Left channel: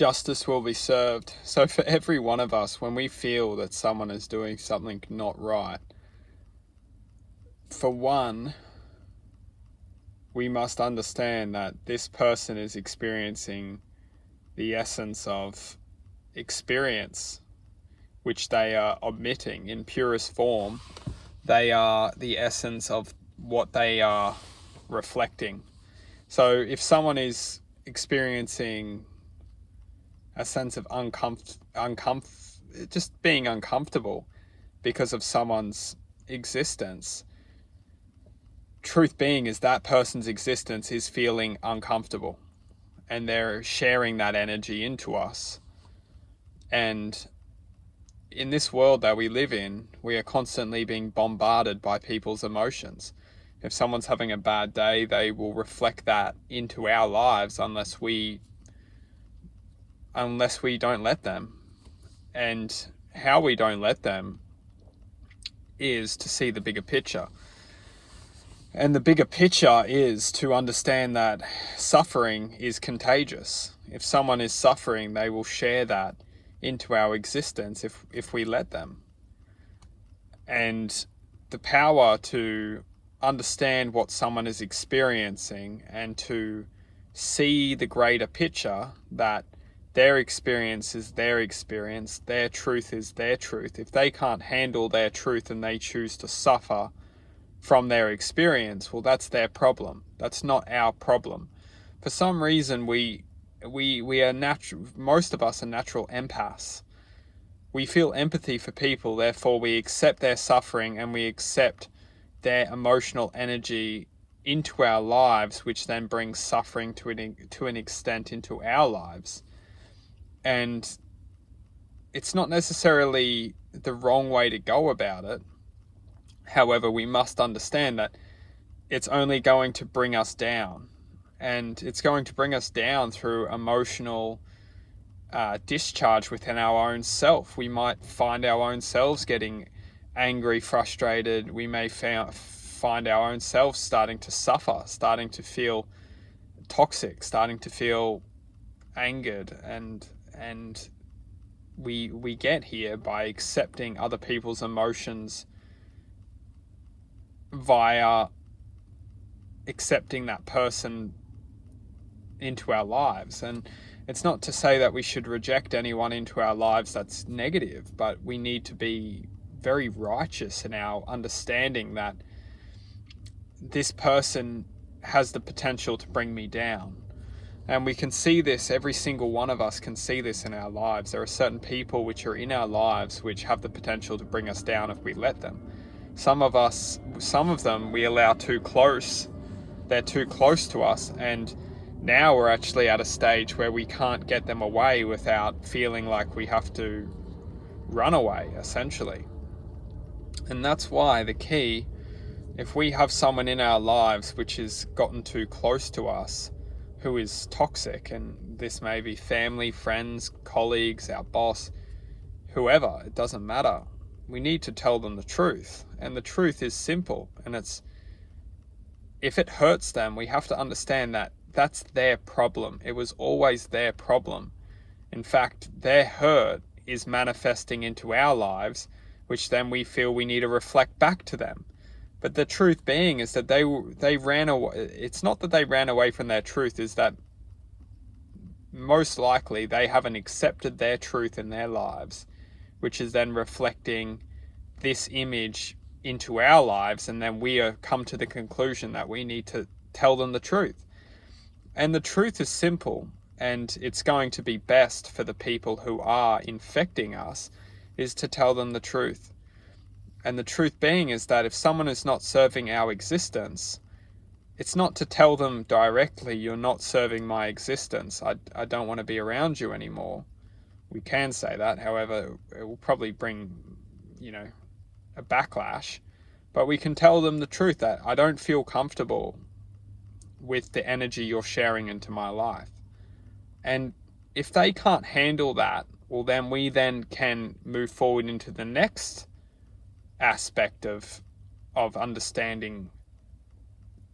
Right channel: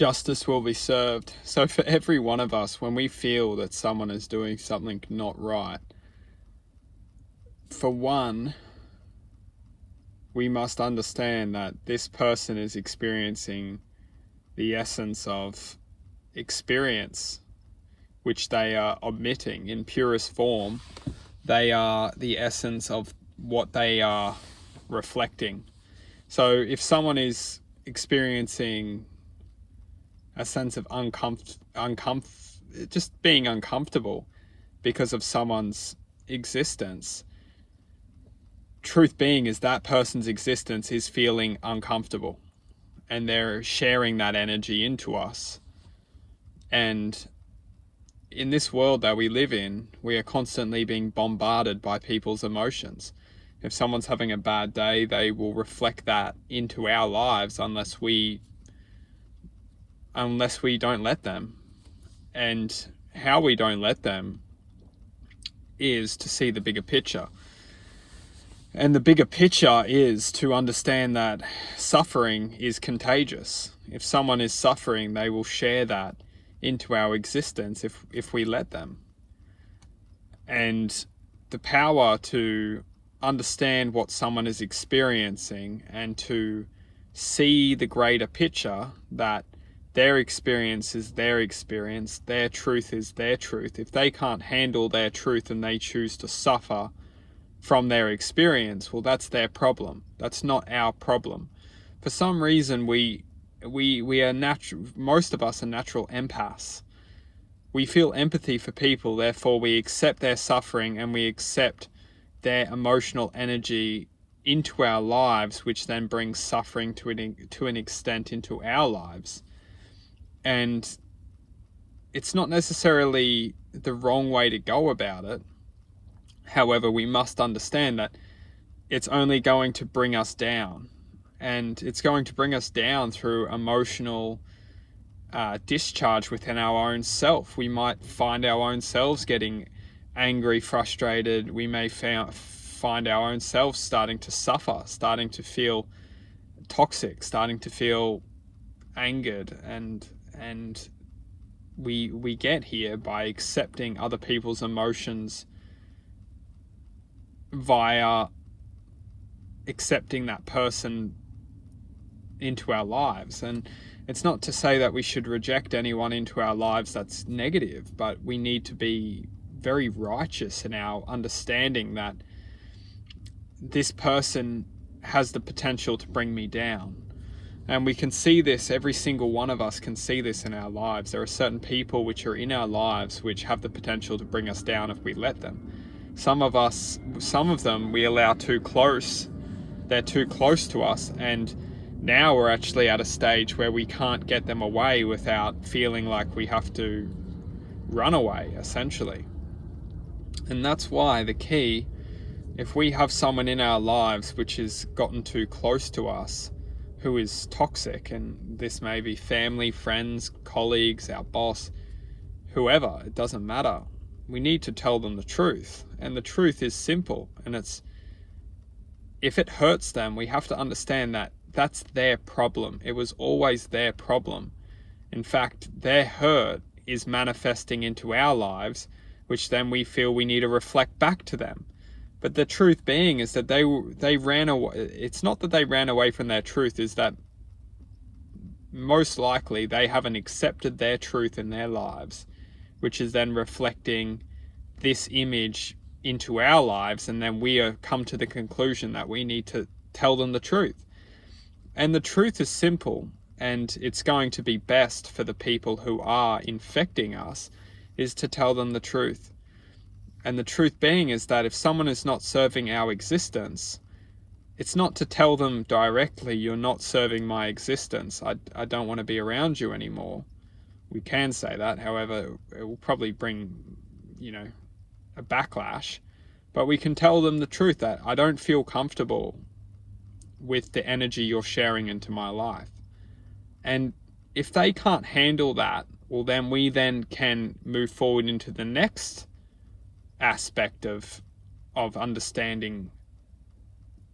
justice will be served. So for every one of us, when we feel that someone is doing something not right, for one, we must understand that this person is experiencing the essence of experience, which they are omitting in purest form. They are the essence of what they are reflecting. So if someone is experiencing a sense of just being uncomfortable because of someone's existence, truth being is that person's existence is feeling uncomfortable, and they're sharing that energy into us. And in this world that we live in, we are constantly being bombarded by people's emotions. If someone's having a bad day, they will reflect that into our lives unless we don't let them. And how we don't let them is to see the bigger picture. And the bigger picture is to understand that suffering is contagious. If someone is suffering, they will share that into our existence if we let them. And the power to understand what someone is experiencing and to see the greater picture, that their experience is their experience, their truth is their truth. If they can't handle their truth and they choose to suffer from their experience, well, that's their problem. That's not our problem. For some reason, we are most of us are natural empaths. We feel empathy for people, therefore we accept their suffering and we accept their emotional energy into our lives, which then brings suffering to an extent into our lives. And it's not necessarily the wrong way to go about it. However, we must understand that it's only going to bring us down, and it's going to bring us down through emotional discharge within our own self. We might find our own selves getting angry, frustrated. We may find our own selves starting to suffer, starting to feel toxic, starting to feel angered, and we get here by accepting other people's emotions via accepting that person into our lives. And it's not to say that we should reject anyone into our lives that's negative, but we need to be very righteous in our understanding that this person has the potential to bring me down. And we can see this, every single one of us can see this in our lives. There are certain people which are in our lives which have the potential to bring us down if we let them. Some of them we allow too close. They're too close to us, and now we're actually at a stage where we can't get them away without feeling like we have to run away, essentially. And that's why the key, if we have someone in our lives which has gotten too close to us, who is toxic, and this may be family, friends, colleagues, our boss, whoever, it doesn't matter. We need to tell them the truth. And the truth is simple. And it's, if it hurts them, we have to understand that that's their problem. It was always their problem. In fact, their hurt is manifesting into our lives, which then we feel we need to reflect back to them. But the truth being is that they ran away. It's not that they ran away from their truth, is that most likely they haven't accepted their truth in their lives, which is then reflecting this image into our lives, and then we are come to the conclusion that we need to tell them the truth. And the truth is simple, and it's going to be best for the people who are infecting us, is to tell them the truth. And the truth being is that if someone is not serving our existence, it's not to tell them directly, you're not serving my existence, I don't want to be around you anymore. We can say that, however, it will probably bring, a backlash. But we can tell them the truth that I don't feel comfortable with the energy you're sharing into my life. And if they can't handle that, well, then we then can move forward into the next aspect of understanding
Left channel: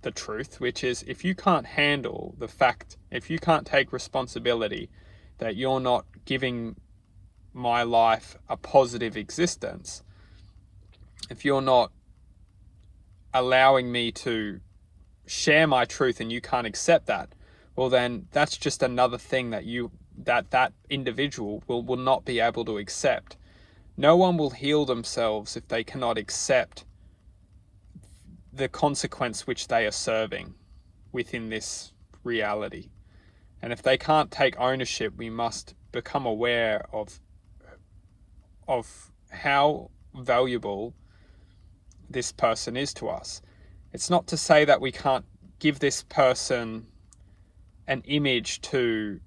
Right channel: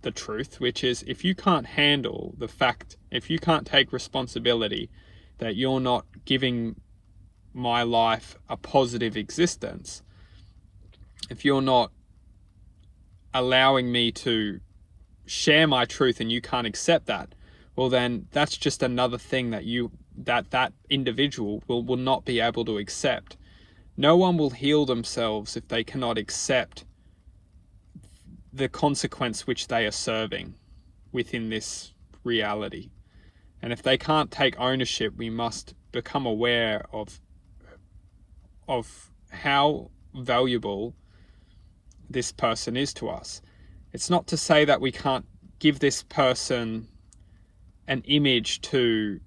the truth, which is if you can't handle the fact, if you can't take responsibility, that you're not giving my life a positive existence, if you're not allowing me to share my truth and you can't accept that, well then that's just another thing that individual will not be able to accept. No one will heal themselves if they cannot accept the consequence which they are serving within this reality. And if they can't take ownership, we must become aware of how valuable this person is to us. It's not to say that we can't give this person an image to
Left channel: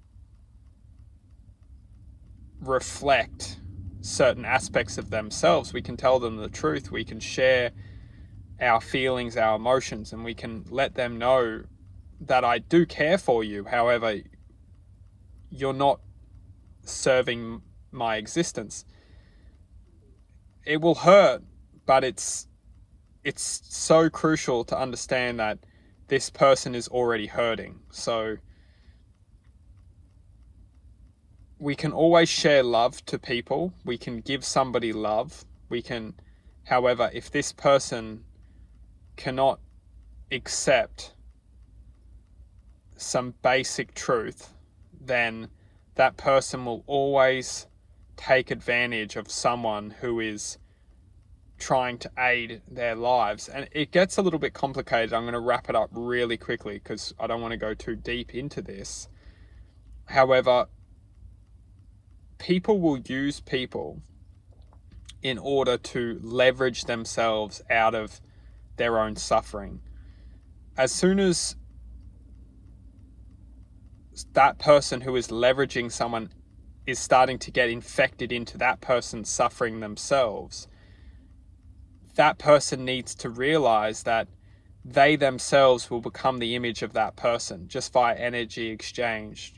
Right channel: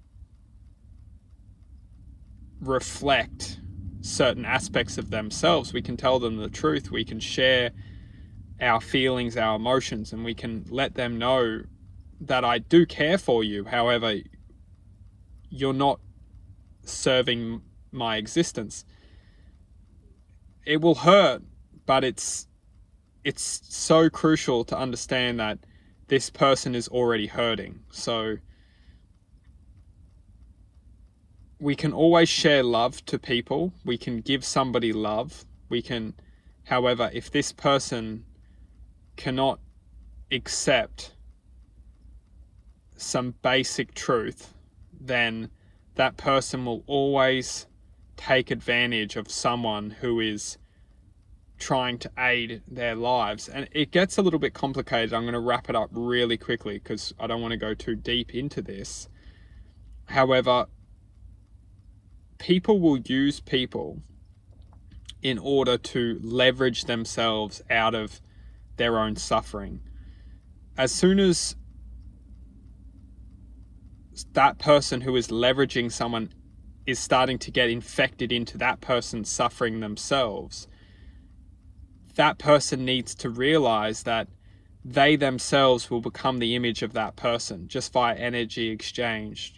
reflect certain aspects of themselves. We can tell them the truth. We can share our feelings, our emotions, and we can let them know that I do care for you. However, you're not serving my existence. It will hurt, but it's so crucial to understand that this person is already hurting. So we can always share love to people. We can give somebody love. However, if this person cannot accept some basic truth, then that person will always take advantage of someone who is trying to aid their lives. And it gets a little bit complicated. I'm going to wrap it up really quickly because I don't want to go too deep into this. However, people will use people in order to leverage themselves out of their own suffering. As soon as that person who is leveraging someone is starting to get infected into that person's suffering themselves, that person needs to realize that they themselves will become the image of that person just via energy exchange.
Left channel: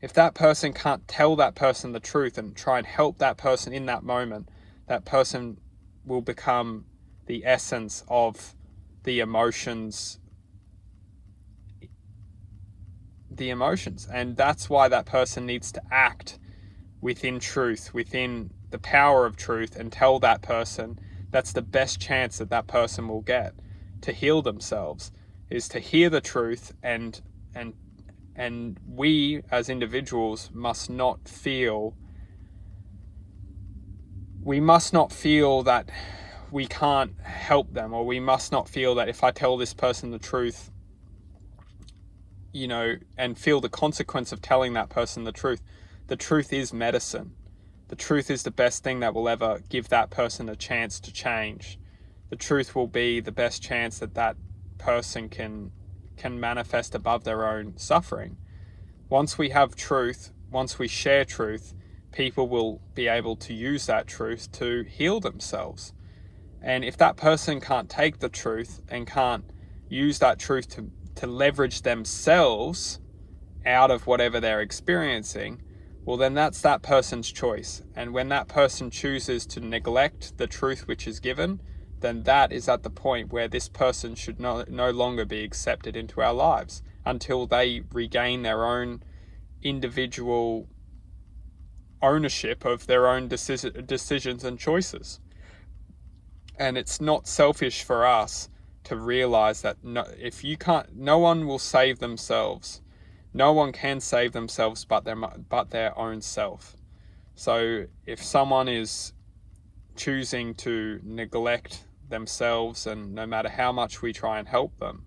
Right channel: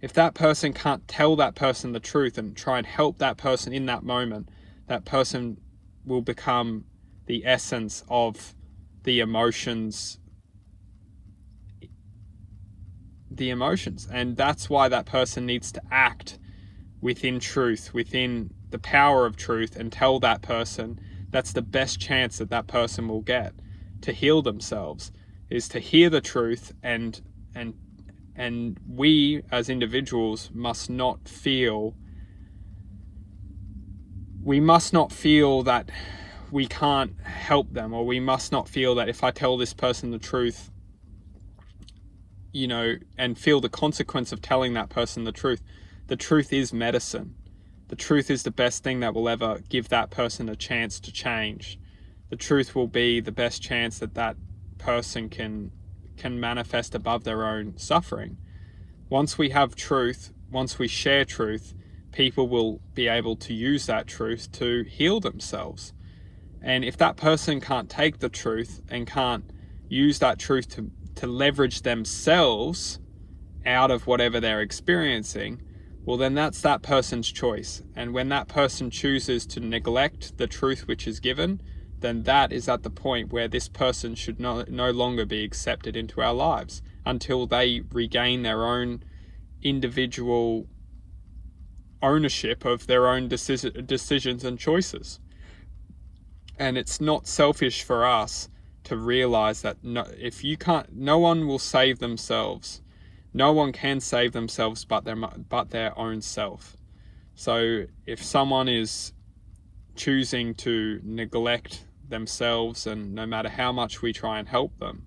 If that person can't tell that person the truth and try and help that person in that moment, that person will become the essence of the emotions. And that's why that person needs to act within truth, within the power of truth, and tell that person. That's the best chance that person will get to heal themselves, is to hear the truth. And we as individuals must not feel that we can't help them, or we must not feel that if I tell this person the truth, and feel the consequence of telling that person the truth. The truth is medicine. The truth is the best thing that will ever give that person a chance to change. The truth will be the best chance that person can manifest above their own suffering. Once we have truth, once we share truth, people will be able to use that truth to heal themselves. And if that person can't take the truth and can't use that truth to leverage themselves out of whatever they're experiencing, well then that's that person's choice. And when that person chooses to neglect the truth which is given, then that is at the point where this person should no longer be accepted into our lives until they regain their own individual ownership of their own decisions and choices. And it's not selfish for us to realize that no one will save themselves. No one can save themselves but their own self. So if someone is choosing to neglect themselves, and no matter how much we try and help them,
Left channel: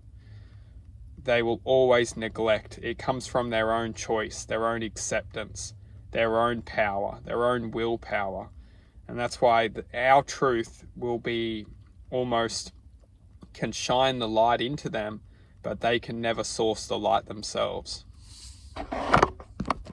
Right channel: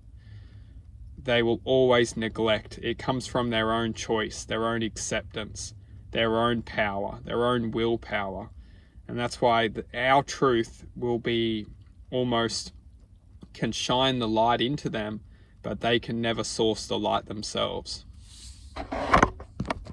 they will always neglect. It comes from their own choice, their own acceptance, their own power, their own willpower. And that's why our truth will be almost can shine the light into them, but they can never source the light themselves.